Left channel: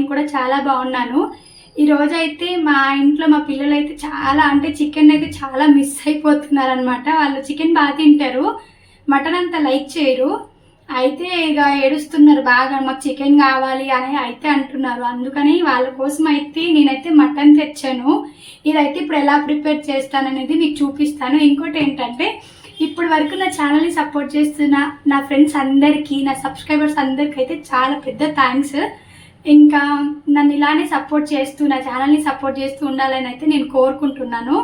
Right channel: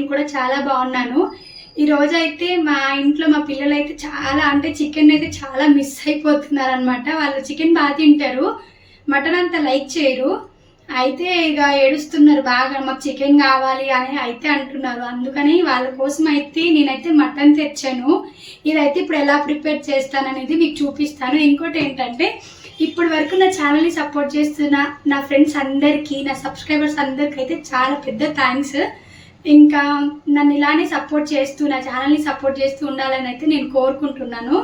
నేను కూడా చాలా బాగున్నాను. ఈరోజు అయితే మా ఇంట్లో మా పిల్లలు అయితే చాలా అంటే చికెన్ అయితే చాలా మిస్ అయిపోతున్నారు అనమాట. వాళ్ళు చికెన్ బాగా తింటారు, మటన్ అంత లైక్ చేయరు. అయితే ఇక ఏడుస్తున్నారు బాగా, మాకు చికెన్ కావాలి అని అయితే అంటున్నారు. అందుకని వాళ్ళ కోసం అయితే నేనైతే మటన్ తెచ్చాను. ఇదైతే ఇప్పుడు ఎలా ప్రిపేర్ చేస్తాననేది మీకు చూపిస్తాను. ఇంకోటి ఏంటంటే, ఇప్పుడు వరకు నా ఛానల్ని సపోర్ట్ చేస్తున్న నా ఫ్రెండ్స్ అందరికీ, నా సబ్స్క్రైబర్స్ అందరికీ అయితే చాలా పెద్ద థ్యాంక్స్. ఇంకా నన్ను ఇలానే సపోర్ట్ చేస్తూ నా ఛానల్ని సపోర్ట్ చేస్తూ ఉండాలని అయితే నేను కోరుకుంటున్నాను.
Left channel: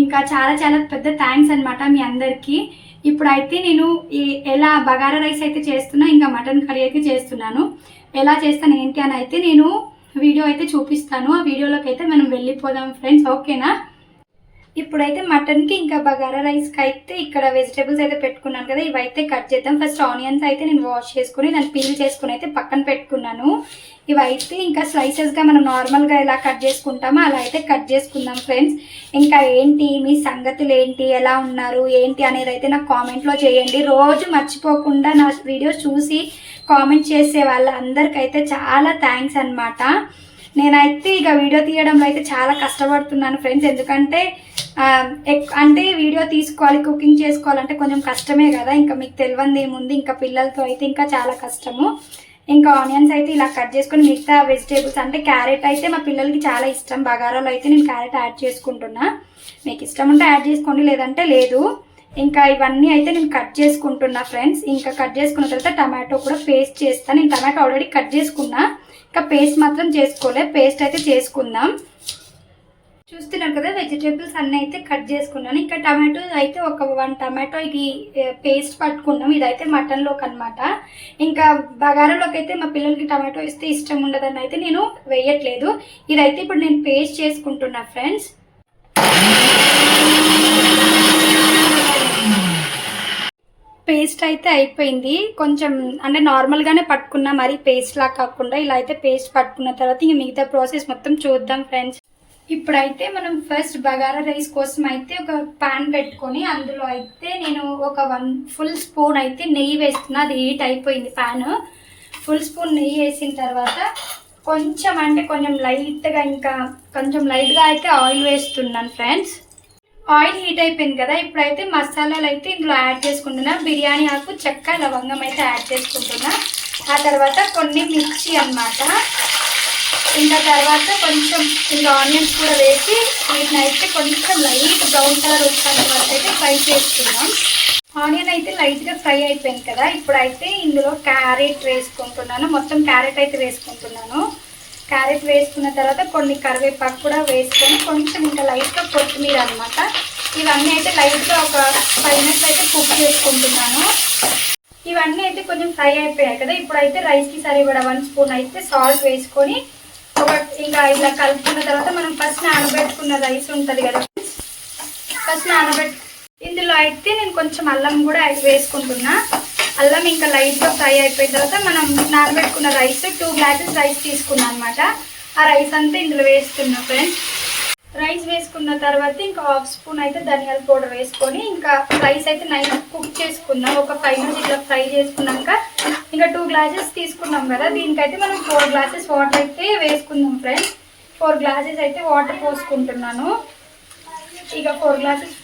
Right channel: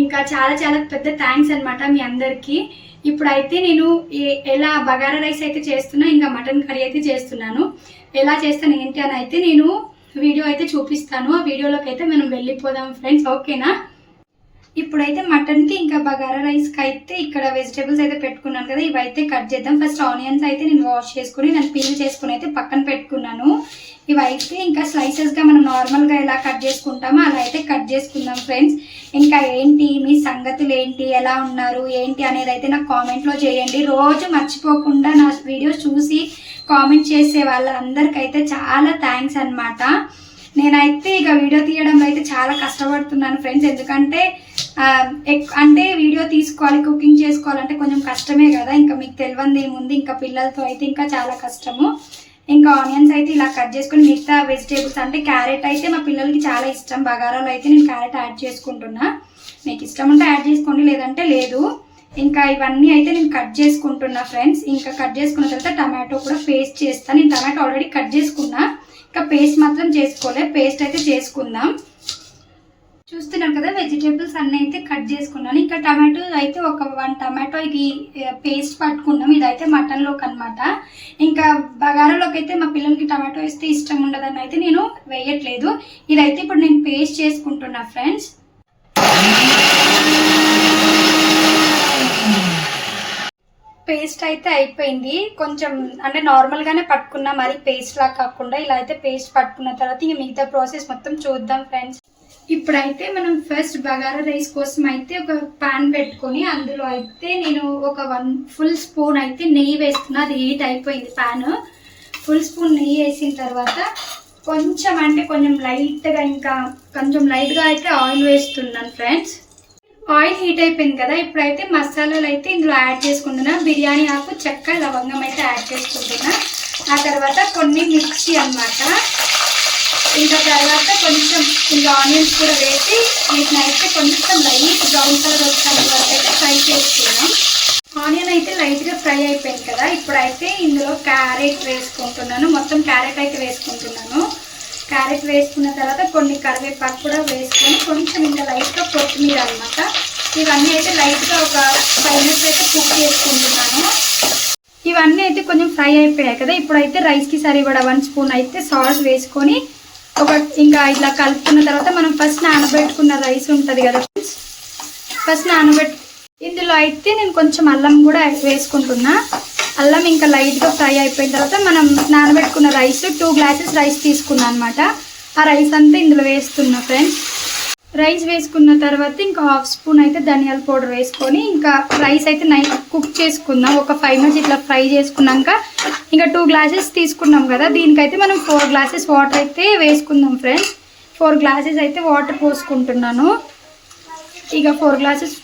ఇంకా చాలా చాలా పెద్ద థ్యాంక్స్ అనమాట మీ అందరికీ. ఇప్పుడైతే నేను ఎలా బగారా రైస్ అయితే చేస్తున్నా, ఇంకా మటన్ కర్రీ అయితే చేస్తున్నాను. ఎలా చేస్తాను ఏంటి అని అయితే నేను వీడియో అయితే చూపిస్తాను. ఆ వీడియోలోకి అయితే మనం వెళ్ళిపోదాం ఫ్రెండ్స్, ఓకేనా? ఇప్పుడైతే మటన్కి ఇంకా బగారా రైస్కి అయితే ఇక్కడ వెజిటేబుల్స్ అయితే పెట్టుకున్నాను కదా, ఇవైతే కట్ చేద్దాం. ఫస్ట్ ఆనియన్స్ అయితే నేను వాష్ చేసుకుని దాన్ని పీల్ చేసుకుని అయితే పక్కన పెట్టుకున్నాను. ఇవైతే ఇంకా స్లైసెస్గా మనం నార్మల్గా ఎలా కట్ చేసుకుంటామో అలా అయితే కట్ చేసుకుందాం ఫ్రెండ్స్. ఇంకా ఏంటి మీ సంగతులు ఏంటి, ఎలా ఉన్నారు ఏంటి అనేది అయితే నాకు కామెంట్లో చేయండి. రోజు మర్చిపోకుండా నా వీడియోస్ చూసి కామెంట్ చేసే వాళ్ళందరికైతే చాలా థ్యాంక్స్ అనమాట. నేనైతే ఇక వీడియో తీయడంలో అయితే చాలా కష్టపడుతున్నాను ఫ్రెండ్స్. ఎందుకంటే అంటే వీడియో తీసుకోవాలి, కుకింగ్ చేసుకోవాలంటే కొంచెం కష్టమే కదా. ఇంకా మీకు తెలియంది ఏముంది, ఇంకా పిల్లలతో అయితే ఇంకా చాలా కష్టము. ఇంకా ఆనియన్స్ అయితే ఇలా కట్ చేసుకుని మిగతా వెజిటేబుల్స్ అంటే క్యారెట్ అయితే మా పిల్లలకి చాలా ఇష్టం. బగారాలో అయితే నేను క్యారెట్ యాడ్ చేసుకుంటున్నా. మీకు ఇష్టం ఉంటే యాడ్ చేసుకోండి, లేదంటే లేదు. ఇంకా ఇవన్నీ అయితే నేను కట్ చేసుకుంటున్నా ఫ్రెండ్స్. ఇంకా కట్ చేసుకున్న తర్వాత టమాటో కూడా పేస్ట్ చేస్తాను. నేను టమాటో ఆల్రెడీ కట్ చేసుకున్నా, ఇంకా పేస్ట్ మాత్రం చేసుకోలే. పేస్ట్ అయితే చేసుకుందాం. చూస్తున్నాం కదా, వెజిటేబుల్స్ అన్నీ అయితే కట్ చేసుకున్నాను. ఇంకా టమాటో అయితే ఒక 1 టమాటోకి పేస్ట్ పట్టుకున్నాం. ఇదైతే మటన్లోకి అనమాట. ఇంకా బగారాలోకి అయితే మా పిల్లలకి టమాటో వేస్తే ఇష్టం ఉండదని అయితే నేను వేయట్లేదు. ఇదైతే ఇప్పుడు నేను పేస్ట్ చేసుకుంటున్నా ఫ్రెండ్స్. పేస్ట్ అయితే అయిపోయింది. కొంచెం అంటే నార్మల్గానే పట్టుకున్నా, మరి పేస్ట్ లా కాకుండా ఇలా అయితే పేస్ట్ పట్టుకున్న తర్వాత ఇంక మిగతా ప్రాసెస్ మొత్తం చూద్దాం ఫ్రెండ్స్. ఇప్పుడైతే మనం ఫస్ట్ బగారా రైస్ కోసం అయితే ఒక ప్యాన్ పెట్టుకొని అందులో అయితే నేను ఒక 1 ఫుల్ స్పూన్ అయితే నెయ్యి వేస్తున్నా. అది హీట్ అయిపోయింది ప్యాన్. ఫుల్ స్పూన్ నెయ్యి వేసిన తర్వాత కొంచెం అంటే కొంచెం లైట్గా, ఇంకా కొంచెం లైట్గా అయితే ఆయిల్ వేస్తున్నాను ఫ్రెండ్స్. ఆయిల్ హీట్ అయిపోయింది కదా, ఇప్పుడైతే మసాలాలు అయితే ఇందులో యాడ్ చేసుకుంటున్నా. బిర్యానీ ఆకు, చెక్క, లవంగం అయితే యాడ్ చేసుకుంటున్నా. ఆ తర్వాత కొన్ని మిర్చి అన్నమాట. ఇంకా తర్వాత కొంచెం ఇంకా ఆనియన్స్ కూడా వేసి వీటిని అయితే కొంచెం లైట్ బ్రౌన్ కలర్ వచ్చేంత వరకు అయితే ఫ్రై చేసుకున్నాం. ఆనియన్ అయితే లైట్గా ఫ్రై అయిపోయింది కదా, ఇప్పుడైతే ఇందులో క్యారెట్ వేసుకుంటున్నాను. మొత్తం క్యారెట్ అయితే వేసుకుంటున్నాను. క్యారెట్ వేసుకున్న తర్వాత కొన్ని కరివేపాకు కూడా వేసుకొని కొంచెం ఇంకా లైట్గా కొత్తిమీర అనమాట. ఇవన్నీ అయితే లైట్గా ఒక 5 మినిట్స్ అయితే కుక్ చేసుకుంటున్నాను. ఇవన్నీ అయితే కొంచెం ఫ్రై అయిపోయాయి కదా, ఇప్పుడైతే రైస్కి సరిపడా 1 స్పూన్ అయితే సాల్ట్ వేసుకొని ఇంకా ఇలా కలుపుకున్న తర్వాత మనం ఫస్ట్ నానబెట్టుకున్న రైస్ ఉంటుంది కదా, ఫస్ట్ ఇందులో అయితే నేను కొంచెం అల్లం కూడా వేసుకుంటున్నా. అల్లం ఇంకా లైట్గా ఫ్రై అయిపోయిన తర్వాత మనం నానబెట్టుకున్న రైస్ 2 గ్లాసెస్ రైస్ తీసుకున్నాను అనమాట. ఆ రైస్ అంతా ఇందులో వేస్తున్నా ఫ్రెండ్స్. రైస్ వేసుకున్న తర్వాత ఇంకా 1/2 స్పూన్ అయితే ధనియాల పౌడర్ వేసుకొని ఇంకా రైస్ అయితే కుక్ చేసుకుందాం. ఒక 5 మినిట్స్ ఇట్లా ఫ్రై చేసుకున్నాక ఇంకా 2 గ్లాసెస్ తీసుకున్నాం కదా, దీనికైతే మనం 4 గ్లాసెస్ వాటర్ అయితే వేసుకుందాం ఫ్రెండ్స్. 4 గ్లాసెస్ అయితే వాటర్ పోసుకుంటున్నాను. ఇక 4 గ్లాసెస్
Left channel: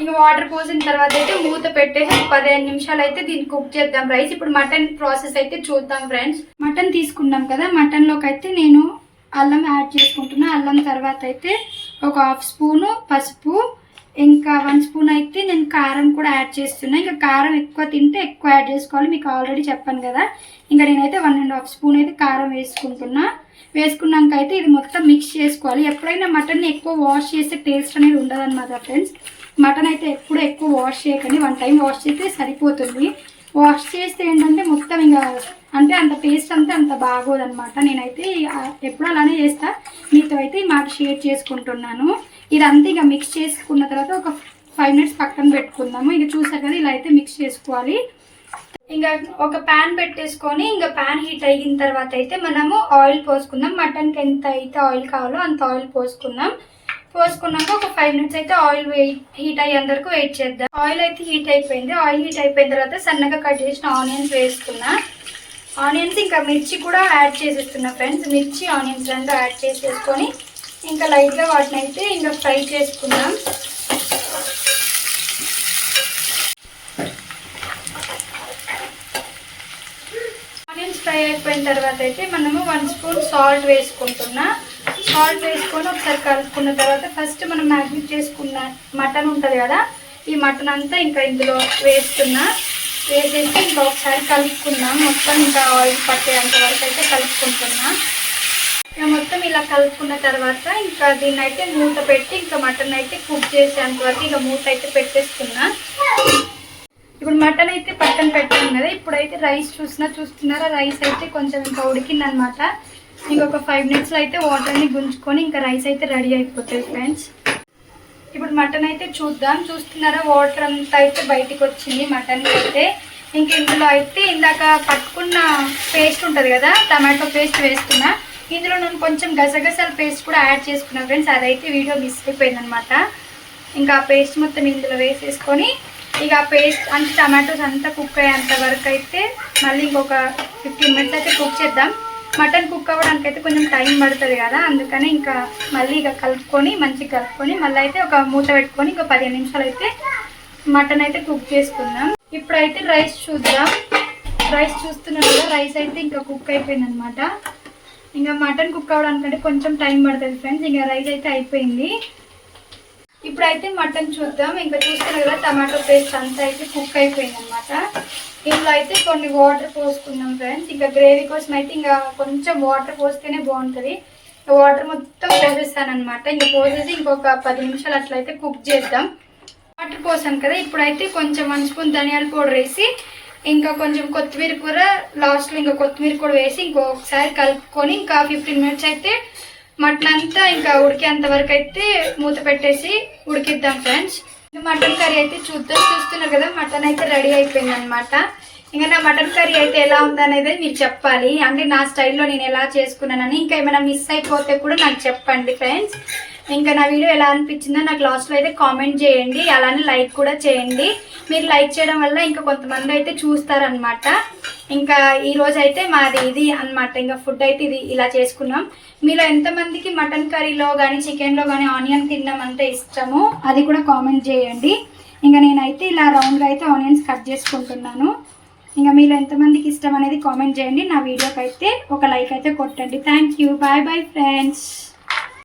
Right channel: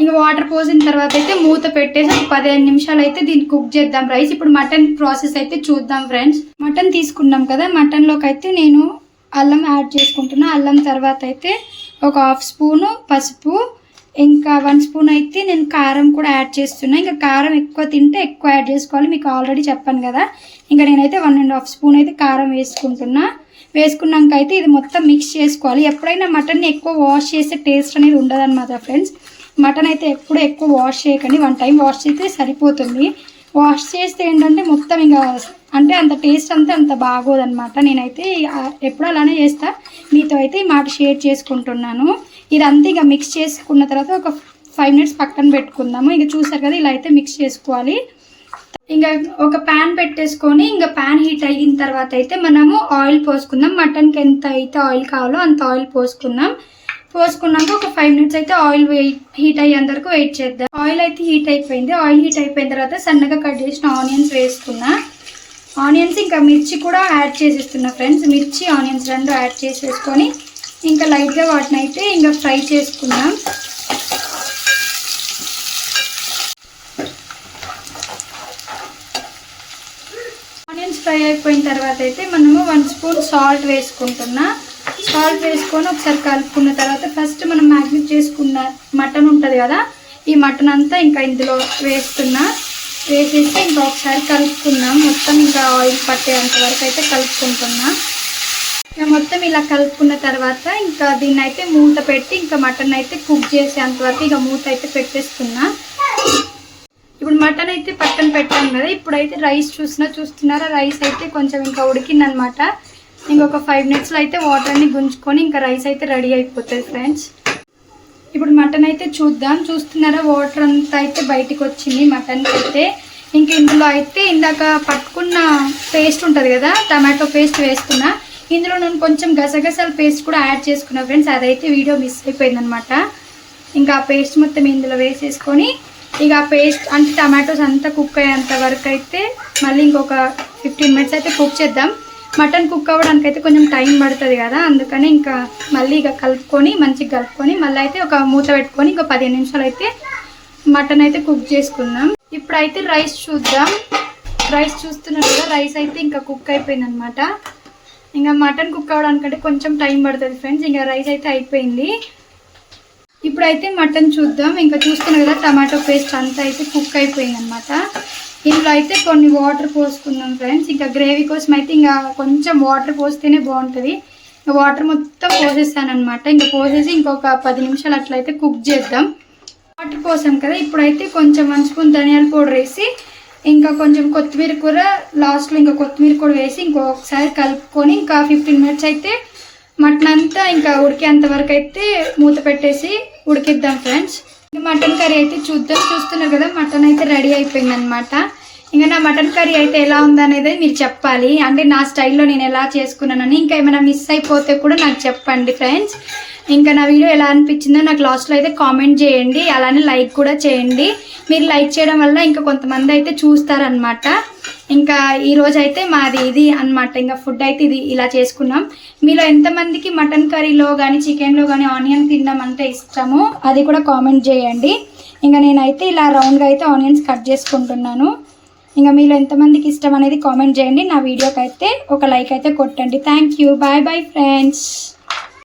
ఇంకా వాటర్ పోసిన తర్వాత అయితే మూత పెట్టేసి 15 నిమిషాలు అయితే దీన్ని కుక్ చేద్దాం రైస్. ఇప్పుడు మటన్ ప్రాసెస్ అయితే చూద్దాం ఫ్రెండ్స్. మటన్ తీసుకున్నాం కదా, మటన్లోకి అయితే నేను అల్లం యాడ్ చేసుకుంటున్నా. అల్లం తర్వాత అయితే ఒక 1/2 స్పూను పసుపు, ఇంకా 1 స్పూన్ అయితే నేను కారం కూడా యాడ్ చేస్తున్నా. ఇంకా కారం ఎక్కువ తింటే ఎక్కువ యాడ్ చేసుకోవాలి, మీకు ఆల్రెడీ చెప్పాను కదా. ఇంకా నేనైతే 1.5 స్పూన్ అయితే కారం వేసుకుంటున్నా. వేసుకున్నాక అయితే ఇది మొత్తం మిక్స్ చేసుకోవాలి. ఎప్పుడైనా మటన్ని ఎక్కువ వాష్ చేసే టేస్ట్ అనేది ఉండదన్నమాట ఫ్రెండ్స్. మటన్ అయితే ఎప్పుడు ఎక్కువ వాష్ చేయకండి, 1 టైం వాష్ చేస్తే సరిపోతుంది. వాష్ చేస్తే ఏంటంటే మొత్తం ఇంకా అంటే అంత టేస్ట్ అంత బాగోదన్నమాట. నేనైతే ఎప్పుడు అలానే చేస్తా, మీతో అయితే ఈ మాట షేర్ చేసుకుంటున్నాను. ఇదంతా ఇక మిక్స్ చేసుకున్న తర్వాత ఒక 5 మినిట్స్ పక్కన పెట్టుకుందాము. ఇక చూసారు కదా, ఇలా అయితే మిక్స్ చేసుకోవాలి. ఇంకా ఒక ప్యాన్ పెట్టేసుకొని ఇంకా ప్యాన్ హీట్ అయిన తర్వాత అయితే మనము ఆయిల్ పోసుకుందాం. మటన్కి ఎంత అయితే ఆయిల్ కావాలో అంత ఆయిల్ పోసుకుందాం. పోసుకున్నాక ఒక 5 మినిట్స్ అయితే ఆయిల్ హీట్ అయ్యేంత వరకు వెయిట్ చేద్దాం. ఆయిల్ అయితే హీట్ అయిపోయింది. ఆయిల్ హీట్ అయిపోయిన తర్వాత సన్నగా కట్ చేసిన ఆనియన్స్ వేసుకున్నా. ఆనియన్స్ ఇంకా మిర్చి కూడా యాడ్ చేసేస్తున్నా ఫ్రెండ్స్. మిర్చి ఆనియన్స్ రెండు యాడ్ చేసేసుకొని ఇంకా లైట్గా వాటిని అయితే ఇంకా ఫ్రై చేసుకుందాం. ఆనియన్స్ ఫ్రై అయిపోయిన తర్వాత అయితే మనము 1 స్పూన్ సాల్ట్ వేసుకుంటున్నా. సాల్ట్ వేసుకొని ఒకసారి కలుపుకున్న తర్వాత ఫస్ట్ మనం మ్యాగ్నేట్ చేసుకున్న మటన్ ఉంటుంది కదా, ఈ మటన్ అంతా ఇంకా ఇందులో వేస్తున్నా. వేసేసి ఇంకా ఒకసారి కలుపుకున్నాం. మొత్తం ఇంకా ఆయిల్ పట్టేంత వరకు అయితే కలుపుకుంటున్నా. మొత్తం ఇలా కలుపుకున్న తర్వాత ఇంకా దీన్ని అయితే మూత పెట్టి ఇంకా మటన్ అయితే కుక్ చేసేంత వరకు ఇంకా మూత అయితే పెట్టేస్తున్నా. ఇప్పుడు మటన్ అయితే పక్కన పెట్టాను కదా, ఇప్పుడైతే రైస్ చూస్తున్నారా, రైస్ అయితే కొంచెం ఇంకా ఉడికిందనమాట. ఇంకొక 5 మినిట్స్లో అయితే వాటర్ అన్ని గుంజుకొని ఇంకా రైస్ అయితే రెడీ అయిపోతుంది ఫ్రెండ్స్. ఇప్పుడు మటన్ అయితే చూస్తున్నారా, వాటర్ అంతా అయితే బయటికి వచ్చింది మటన్కి అయితే. ఇంక ఇందులో అయితే ఇందాక పట్టుకున్న పేస్ట్ ఉంటుంది కదా, టమాటో పేస్ట్ వేస్తున్నా. ఇందులో నేను కొంచెం గసగసాల పేస్ట్ కూడా యాడ్ చేసుకున్నా ఫ్రెండ్స్, అదైతే వీడియో మిస్ అయిపోయిందనమాట. ఇంకా ఆ పేస్ట్ మొత్తం ఇందులో వేసేసుకొని ఇక ఆ పేస్ట్ అంటే టమాటోస్ అంతా కుక్ అయ్యేంత వరకు అయితే మళ్ళీ ఇంకొక 15 మినిట్స్ అయితే కుక్ చేద్దాం. మటన్ కుక్ అవ్వడానికి అయితే కొంచెం టైం పడుతుంది కదా, అందుకని ఇంకా మళ్ళీ ఇక మంచిగా కలుపుకొని మళ్ళీ అయితే ఒక మూత పెట్టుకొని ఇంకా 15 నిమిషాలు అయితే మటన్ అయితే కుక్ చేసుకుందాం. ఇప్పుడైతే రైస్ చూద్దాం. రైస్ చూస్తున్నారు కదా, రైస్ అయితే ఇంకా కుక్ అయిపోయింది అనమాట. ఇంకా మటన్ కుక్ అవ్వడానికంటే కొంచెం టైం పడుతుంది ఫ్రెండ్స్. ఇంకా రైస్ అయితే అయిపోయింది. ఇప్పుడైతే మటన్ చూద్దాం. ఇంకా చూస్తున్నారు కదా, టమాటో పేస్ట్ అంతా అయితే కుక్ అయిపోయింది అనమాట. ఇందులో అయితే కొన్ని వాటర్ పోసుకుందాం ఫ్రెండ్స్. ఇంకా గ్రేవీ కోసం అయితే ఇంకా కొంచెం వాటర్ పోస్తేనే బాగుంటుంది. వాటర్ మొత్తం పోసేస్తాను అనమాట. ఇంకా పోసేసి ఇంకొక 10 నిమిషాలు అట్లయితే కుక్ చేద్దాం. వాటర్ పోసాను కదా, ఇప్పుడైతే కొంచెం 1 స్పూన్ ధనియాల పౌడర్ వేసి ఇంకా కొంచెం కొత్తిమీర కూర లాస్ట్లో ఇంకా కొత్తిమీర కూడా వేసి ఇంకొకసారి కలుపుకొని ఇంకా 15 మినిట్స్ అయితే మటన్ అంతా ఇంకా ఉడికేంత వరకు అయితే మూత పెట్టేసి ఉడికిద్దాం ఫ్రెండ్స్. మటన్ కర్రీ అయితే చూస్తున్నారు కదా, మటన్ అయితే రెడీ అయిపోయింది అనమాట. ఇంకా నా మటన్ కర్రీ అయితే ఎలా ఉందనేది మీరు చెప్పాలి. అంటే నా స్టైల్లో నేను ఎలా చేసుకున్నానని. ఇంకా ఏమైనా మిస్ అయిపోతే కూడా నాకు చెప్పండి ఫ్రెండ్స్. ఇంకా నా వీడియో ఎలా అనిపించిందో నాకు లాస్ట్లో అయితే కామెంట్ చేయండి. అలానే లైక్ కూడా చేయండి. మీరు లైక్ చేయడం వల్ల ఇంకా కొంతమంది అయితే చూస్తారనమాట. ఇంకా ఈరోజు అయితే మాది ఇది అనమాట. ఇంకా ఫుడ్ అయితే ఇది ఇలా చేసుకున్నాం. మీలో ఎంతమందికి మటన్ కర్రీలో కానీ చికెన్లో కానీ ఆనియన్ తినడం అంటే ఇష్టమో అది కూడా కామెంట్ చేయండి. ఇంకా నేనైతే ఇలా రౌండ్గా అయితే ఆనియన్స్ కట్ చేసుకుంటున్నాను. ఇంకా మీలో ఎంతమందికి ఇష్టం అనేది కామెంట్ చేయండి. నా వీడియోకి అయితే ఒక లైక్ అయితే కొట్టండి. Thank you. Bye bye friends.